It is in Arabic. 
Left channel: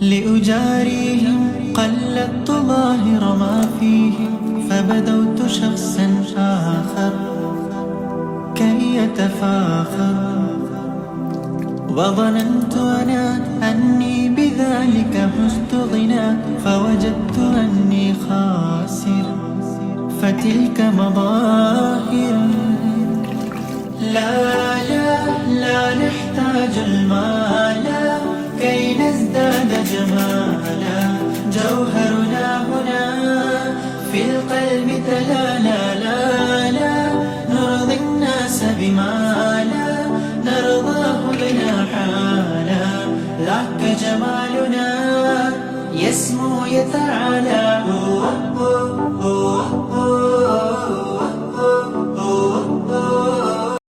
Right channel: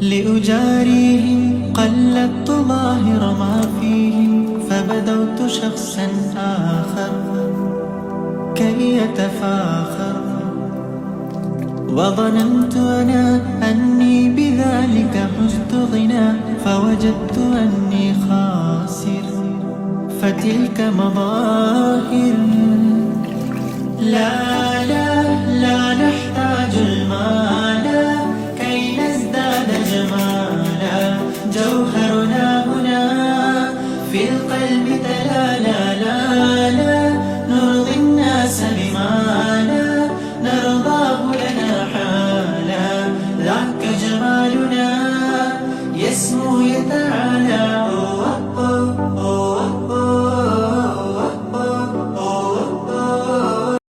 لأجاريهم قلدت ظاهر ما فيهم، فبدوت شخصا آخر كي يتفاخر. وظننت أنا أني بذلك حزت غنى، فوجدت أني خاسر، فتلك مظاهر. لا لا لا نحتاج المال كي نزداد جمالا، جوهرنا هنا في القلب تلالا. لا لا نرضي الناس بما لا نرضاه لنا حالا، ذاك جمالنا يسمو يتعالى.